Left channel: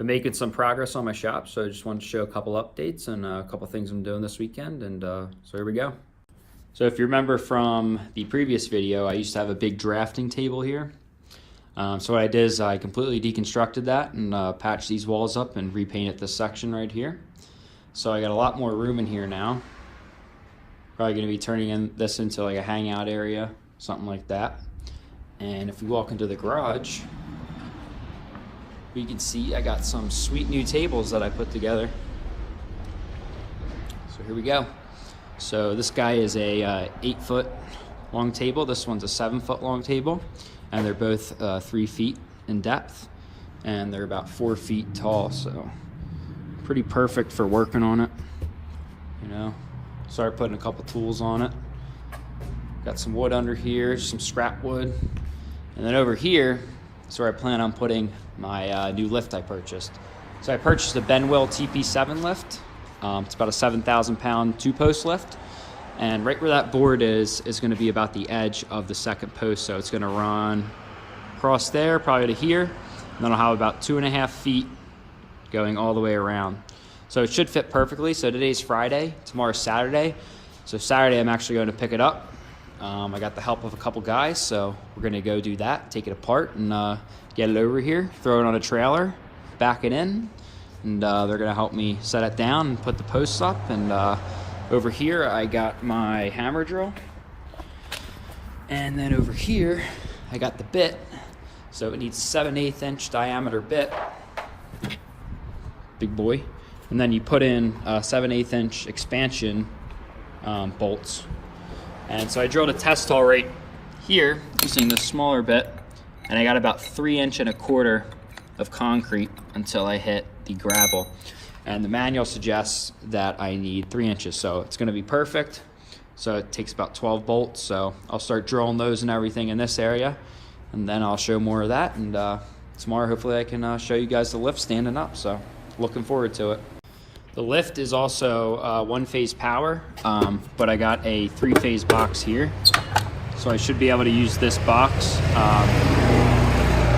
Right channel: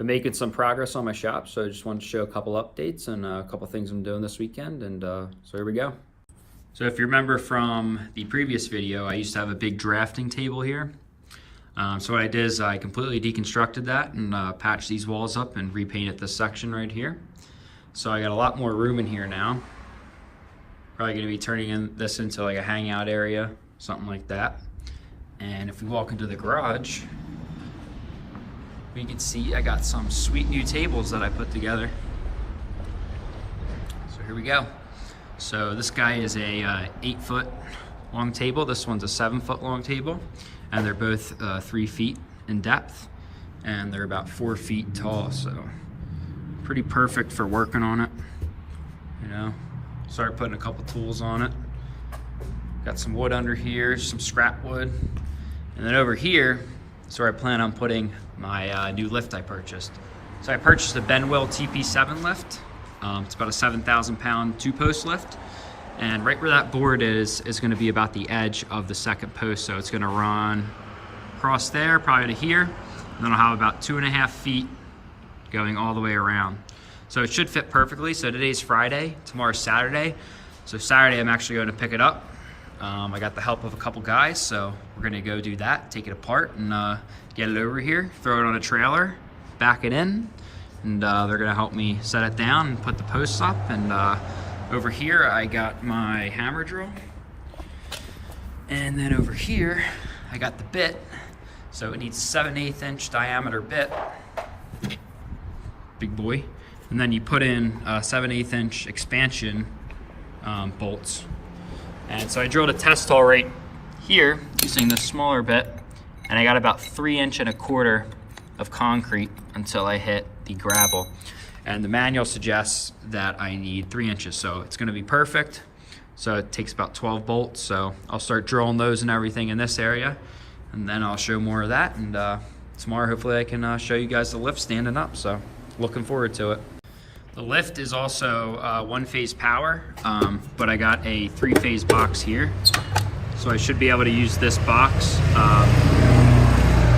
been making some progress on my shop, so I just wanted to show a couple updates and a couple things I'm doing this weekend, and so here we go. So if you remember from the previous video, I used to have a big drafting table here. So what I did is I completely deconstructed that and patched these walls up and repainted this section right here. So I got a lot more room in here now. Probably going to be turning this into like a hangout area, something like that. And if we walk into the garage, we can see I got some sweet new tables that I put together. So here we go. So this guy is a 8-foot long table. This one's a 7-foot long table, and they're both 3 feet in depth, and they're about 4 feet tall. So pretty perfect for working on it. You know, start putting a couple tools on it. Got some wood under here, some scrap wood, and then over here is where I plan on putting my new lift I purchased. So I purchased a Benwill TP7 lift. It's about a 7,000-pound 2-post lift. And right where that board is going to be about the edge of the second post. So it's going to run across there, probably to here. And then I'll have about 2.5 feet going all the way around. So it should fit perfectly. So today's Friday, tomorrow's Saturday. So Saturday I'm actually going to pick it up. I got the help of a couple guys, so we're going to go do that, take it apart and get it over here, throw it on a trailer, back it in, and they're going to help me set it down and put the posts up. And over here I got my hammer drill, and then over here I got the bit. So it needs a 7/8 inch diameter bit, big boy, and then you put in 7/8 inch expansion bolts. And so I drilled a test hole right here using this smaller bit, and I got about 3.25 inches of concrete until I hit the gravel. And the manual suggests that I need 3 inches, so it's gonna be perfect. So it takes about 12 bolts, so I'll start drilling those and everything in this area, and then I'll show more of that. And tomorrow, hopefully I can show you guys the lift standing up, so looking forward to it. The lift is also 1-phase power, but I got a 3-phase box here. So I should be able to use this box.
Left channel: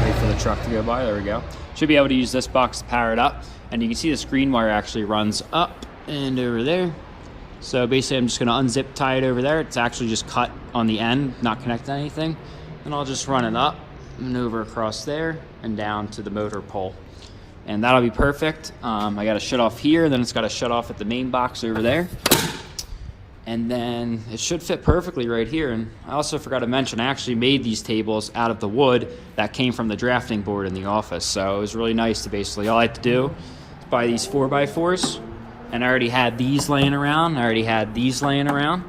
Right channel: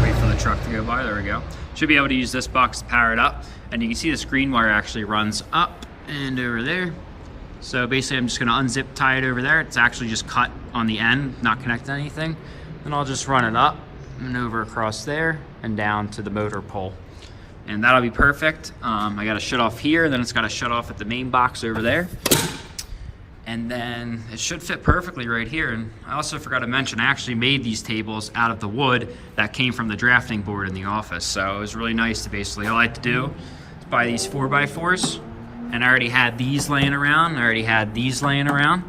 Wait for the truck to go by, there we go. Should be able to use this box to power it up. And you can see the screen wire actually runs up and over there. So basically I'm just gonna unzip tie it over there. It's actually just cut on the end, not connected to anything. Then I'll just run it up and over across there and down to the motor pole. And that'll be perfect. I gotta shut off here, and then it's gotta shut off at the main box over there. And then it should fit perfectly right here. And I also forgot to mention, I actually made these tables out of the wood that came from the drafting board in the office. So it was really nice to basically, all I had to do is buy these 4x4s, and I already had these laying around, I already had these laying around,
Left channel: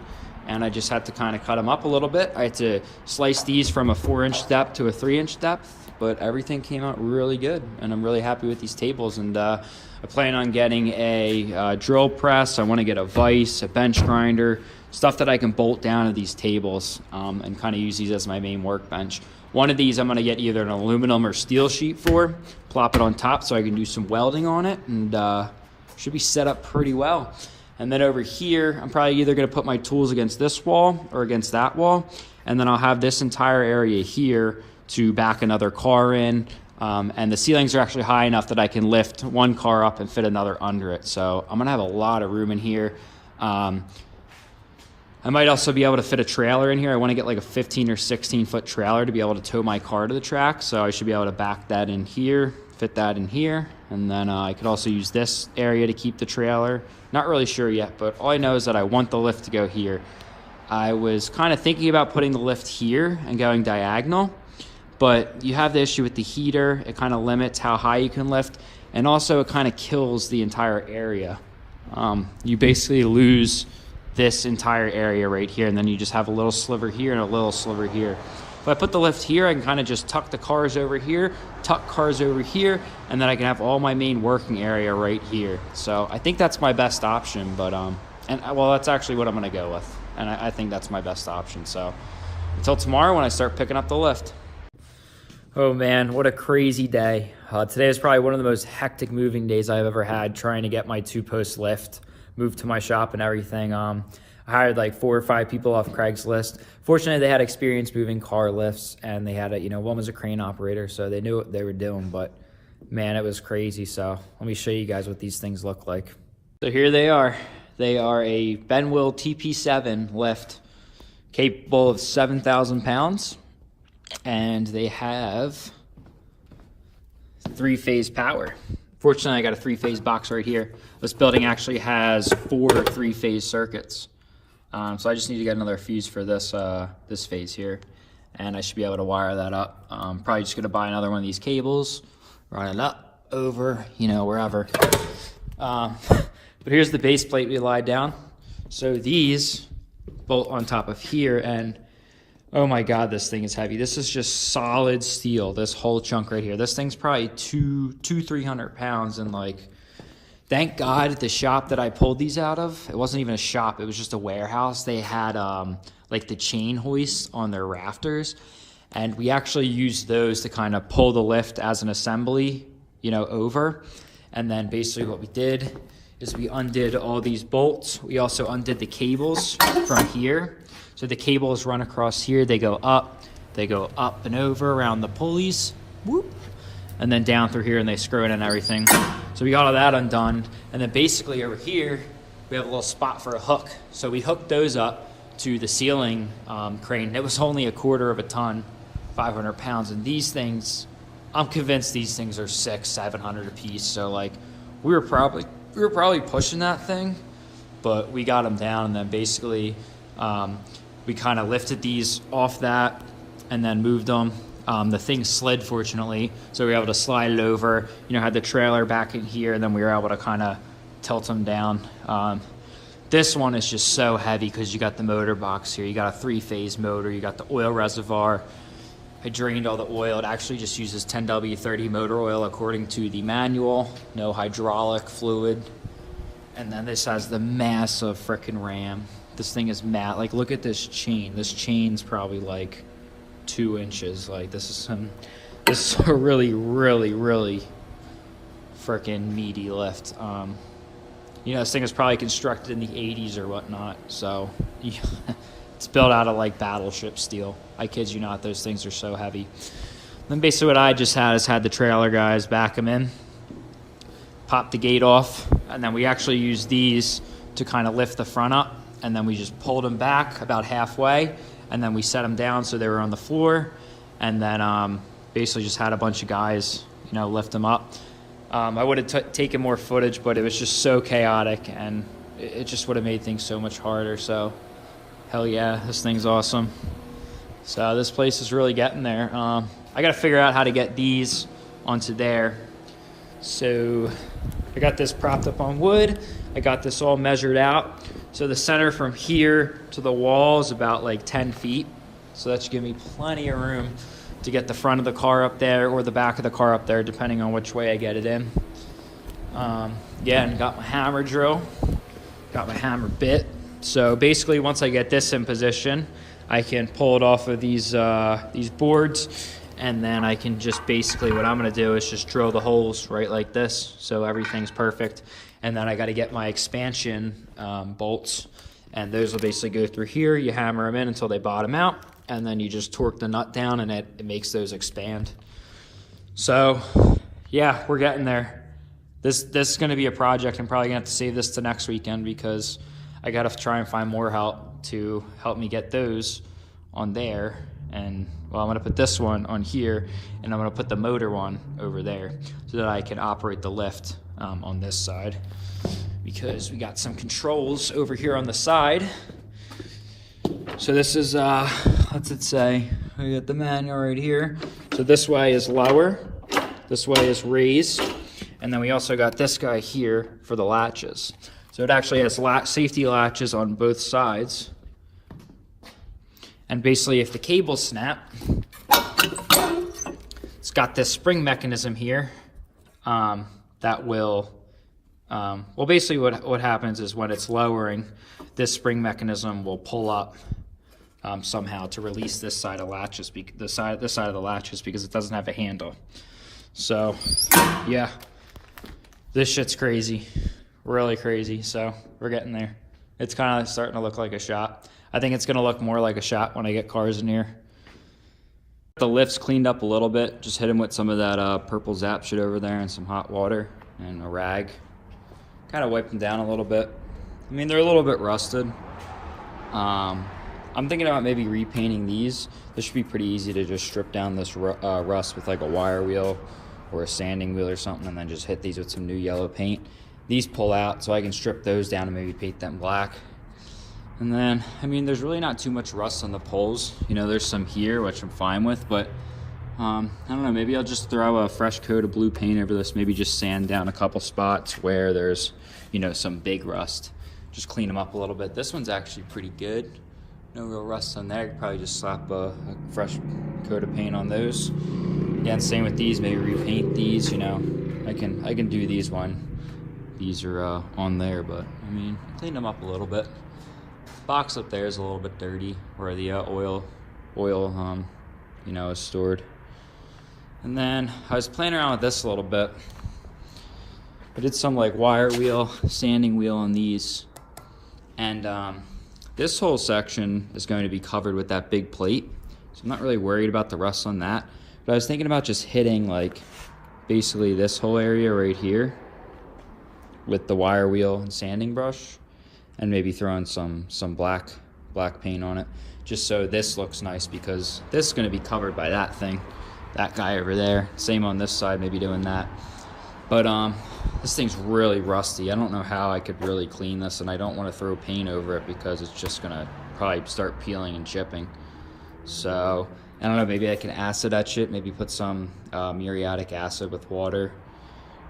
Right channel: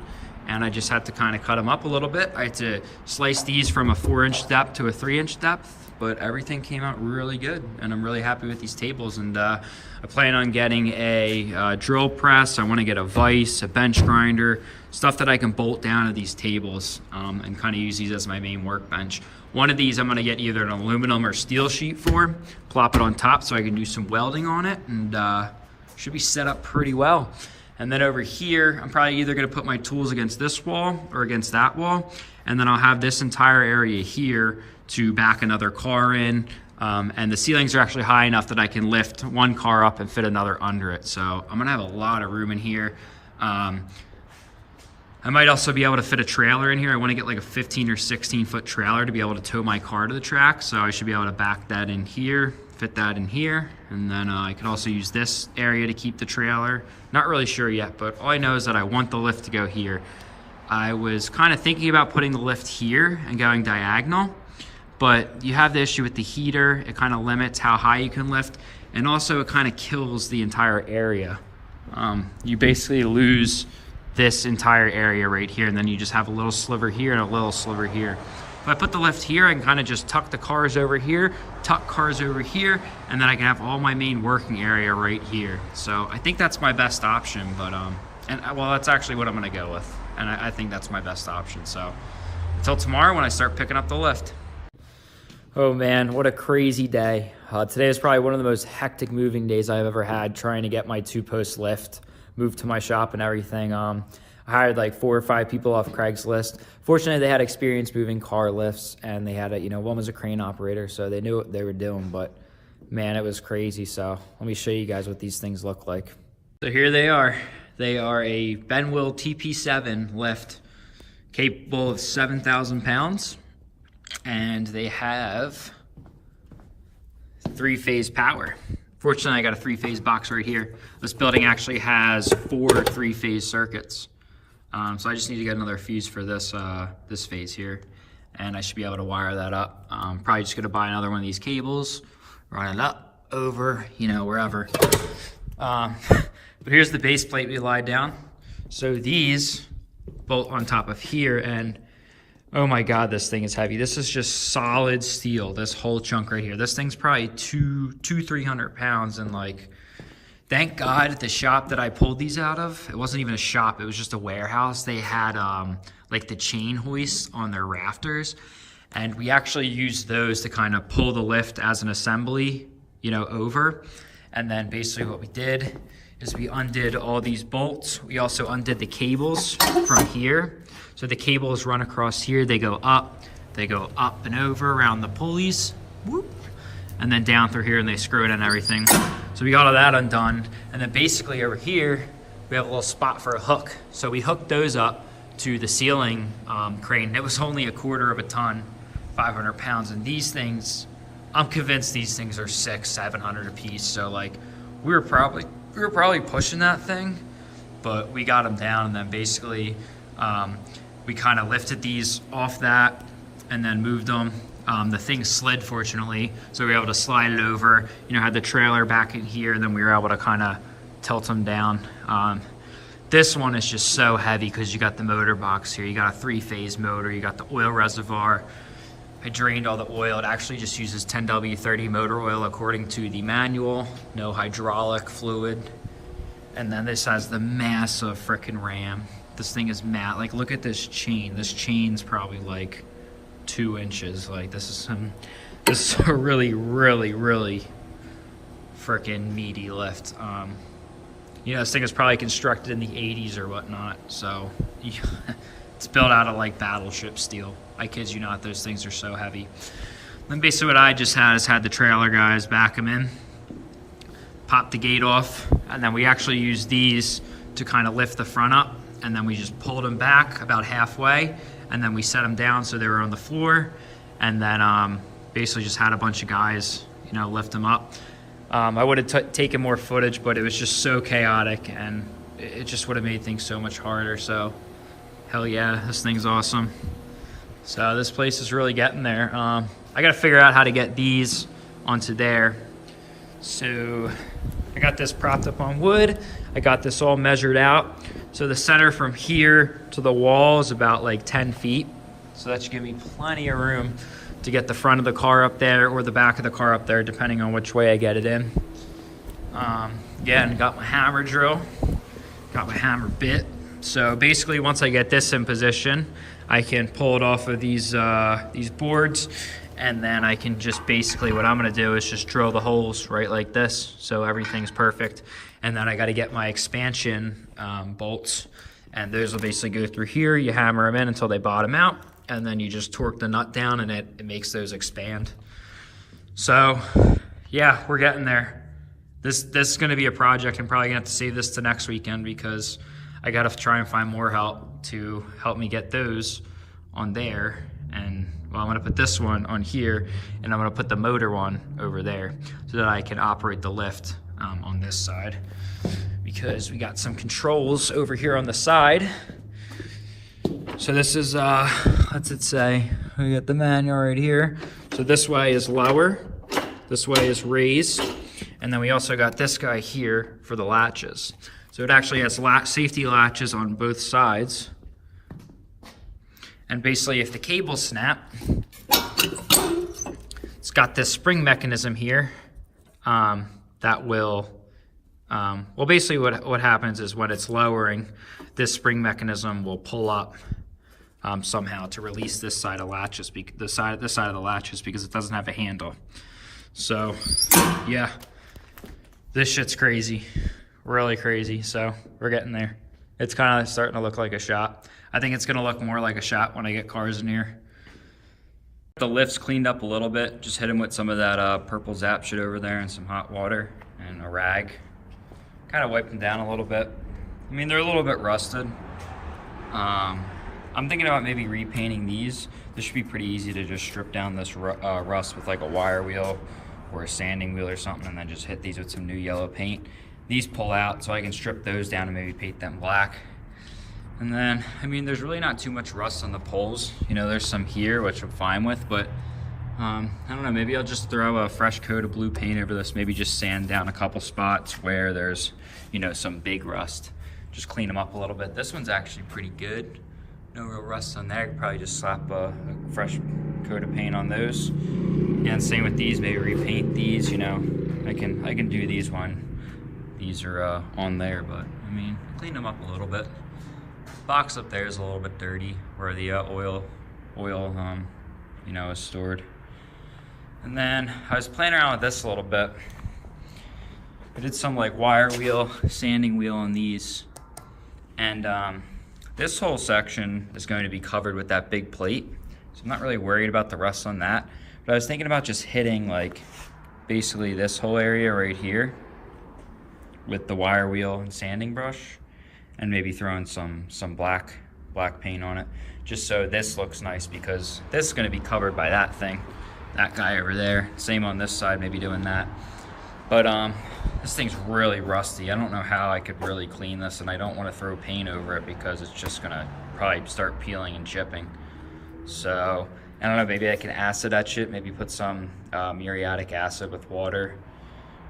and I just had to kind of cut them up a little bit. I had to slice these from a 4-inch depth to a 3-inch depth. But everything came out really good, and I'm really happy with these tables. And I plan on getting a drill press. I want to get a vise, a bench grinder, stuff that I can bolt down to these tables and kind of use these as my main workbench. One of these I'm going to get either an aluminum or steel sheet for, plop it on top so I can do some welding on it, and should be set up pretty well. And then over here, I'm probably either going to put my tools against this wall or against that wall, and then I'll have this entire area here to back another car in, and the ceilings are actually high enough that I can lift one car up and fit another under it. So I'm gonna have a lot of room in here. I might also be able to fit a trailer in here. I want to get like a 15 or 16 foot trailer to be able to tow my car to the track, so I should be able to back that in here, fit that in here, and then I could also use this area to keep the trailer. Not really sure yet, but all I know is that I want the lift to go here. I was kind of thinking about putting the lift here and going diagonal, but you have the issue with the heater. It kind of limits how high you can lift, and also it kind of kills the entire area. You basically lose this entire area right here, and then you just have a little sliver here and a little sliver here. If I put the lift here, I can kind of just tuck the cars over here, tuck cars over here, and then I can have all my main working area right here. So I think that's my best option, but well, that's actually what I'm gonna go with, and I think that's my best option. So until tomorrow when I start picking up the lift. Oh man, what a crazy day. Today is probably one of the most hectic moving days I've ever had, trying to get my 2-post lift moved to my shop and everything. I hired like 4 or 5 people off Craigslist. Fortunately, they had experience moving car lifts, and they had one was a crane operator, so they knew what they were doing, but man, it was crazy. So let me show you guys what these things look like. So here they are. They are a Benwill TP7 lift capable of 7,000 pounds. And they have 3-phase power. Fortunately, I got a 3-phase box right here. This building actually has 4 3-phase circuits. So I just need to get another fuse for this this phase here, and I should be able to wire that up. Probably just gonna buy another one of these cables, run it up over, you know, wherever. But here's the base plate we lied down. So these bolt on top of here, and oh my God, this thing is heavy. This is just solid steel, this whole chunk right here. This thing's probably 300 pounds, and like, thank God the shop that I pulled these out of, it wasn't even a shop, it was just a warehouse. They had like the chain hoists on their rafters, and we actually used those to kind of pull the lift as an assembly, you know, over. And then basically what we did is we undid all these bolts. We also undid the cables from here. So the cables run across here, they go up and over around the pulleys, whoop, and then down through here, and they screw it and everything. So we got all that undone. And then basically over here, we have a little spot for a hook. So we hooked those up to the ceiling crane. It was only 1/4 ton, 500 pounds. And these things, I'm convinced these things are 600-700 a piece. So like, we were probably pushing that thing, but we got them down. And then basically, we kind of lifted these off that and then moved them. The thing slid, fortunately, so we were able to slide it over, you know, had the trailer back in here, and then we were able to kind of tilt them down. This one is just so heavy because you got the motor box here, you got a 3-phase motor, you got the oil reservoir. I drained all the oil. It actually just uses 10W30 motor oil according to the manual, no hydraulic fluid. And then this has the massive frickin' ram. This thing is matte. Like, look at this chain. This chain's probably like 2 inches. Like, this is a really, really, really freaking meaty lift. You know, this thing is probably constructed in the 80s or whatnot, so it's built out of like battleship steel. I kid you not, those things are so heavy. Then basically what I just had is had the trailer guys back them in, pop the gate off, and then we actually used these to kind of lift the front up, and then we just pulled them back about halfway, and then we set them down so they were on the floor, and then basically just had a bunch of guys, you know, lift them up. I would have taken more footage, but it was just so chaotic, and it just would have made things so much harder. So hell yeah, this thing's awesome. So this place is really getting there. I gotta figure out how to get these onto there. So I got this propped up on wood. I got this all measured out. So the center from here to the wall is about like 10 feet. So that should give me plenty of room to get the front of the car up there or the back of the car up there, depending on which way I get it in. Again, got my hammer drill, got my hammer bit. So basically, once I get this in position, I can pull it off of these boards, and then I can just basically, what I'm gonna do is just drill the holes right like this, so everything's perfect. And then I gotta get my expansion bolts, and those will basically go through here. You hammer them in until they bottom out, and then you just torque the nut down, and it makes those expand. So yeah, we're getting there. This is gonna be a project. I'm probably gonna have to save this to next weekend because I gotta try and find more help to help me get those on there. And well, I'm gonna put this one on here, and I'm gonna put the motor one over there so that I can operate the lift on this side, because we got some controls over here on the side. So this is, what's it say? We got the manual right here. So this way is lower, this way is raise, and then we also got this guy here for the latches. So it actually has safety latches on both sides. And basically if the cables snap, it's got this spring mechanism here that will, well, basically what happens is when it's lowering, this spring mechanism will pull up somehow to release this side of latches, this side of the latches, because it doesn't have a handle. So yeah, this shit's crazy, really crazy. So we're getting there. It's kind of starting to look like a shop. I think it's gonna look more like a shop when I get cars in here. The lifts cleaned up a little bit. Just hit them with some of that purple Zap shit over there and some hot water and a rag. Kind of wiped them down a little bit. I mean, they're a little bit rusted. I'm thinking about maybe repainting these. This should be pretty easy to just strip down this rust with like a wire wheel or a sanding wheel or something, and then just hit these with some new yellow paint. These pull out, so I can strip those down and maybe paint them black. And then, I mean, there's really not too much rust on the poles. You know, there's some here, which I'm fine with, but I don't know, maybe I'll just throw a fresh coat of blue paint over this, maybe just sand down a couple spots where there's, you know, some big rust. Just clean them up a little bit. This one's actually pretty good. No real rust on there. I could probably just slap a fresh coat of paint on those. Yeah, and same with these, maybe repaint these, you know. I can do these when these are on there, but I mean, clean them up a little bit. Box up there is a little bit dirty where the oil, you know, is stored. And then I was playing around with this a little bit. I did some like wire wheel, sanding wheel on these. And this whole section is going to be covered with that big plate. So I'm not really worried about the rust on that. But I was thinking about just hitting like basically this whole area right here with the wire wheel and sanding brush, and maybe throwing some black paint on it, just so this looks nice, because this is going to be covered by that thing, that guy over there. Same on this side, maybe doing that. But this thing's really rusty. I don't know how I could really clean this, and I don't want to throw paint over it because it's just gonna probably start peeling and chipping. So I don't know, maybe I can acid etch it, maybe put some muriatic acid with water,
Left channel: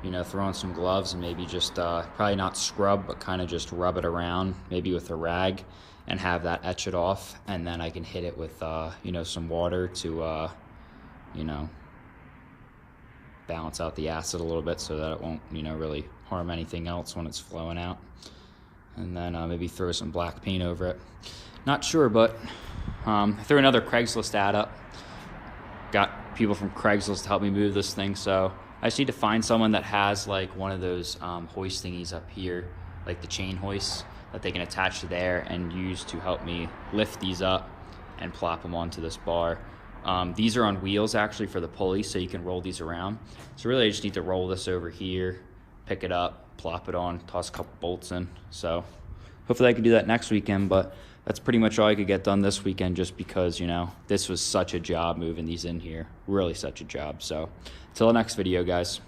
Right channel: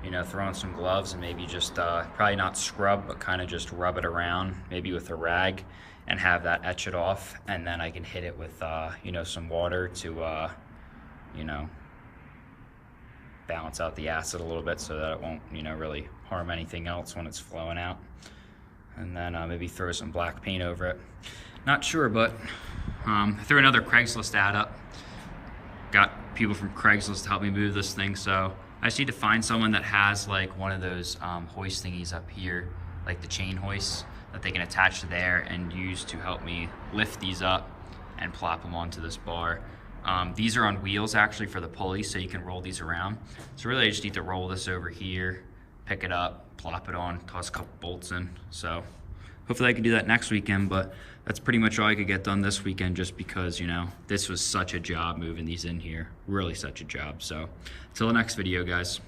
you know, throw on some gloves and maybe just probably not scrub, but kind of just rub it around, maybe with a rag, and have that etch it off. And then I can hit it with you know, some water to you know, balance out the acid a little bit so that it won't, you know, really harm anything else when it's flowing out. And then maybe throw some black paint over it. Not sure, but I threw another Craigslist ad up. Got people from Craigslist to help me move this thing, so I just need to find someone that has like one of those hoist thingies up here, like the chain hoists that they can attach to there and use to help me lift these up and plop them onto this bar. These are on wheels actually for the pulley, so you can roll these around. So really I just need to roll this over here, pick it up, plop it on, toss a couple bolts in. So hopefully I can do that next weekend, but that's pretty much all I could get done this weekend, just because, you know, this was such a job moving these in here, really such a job. So till the next video, guys.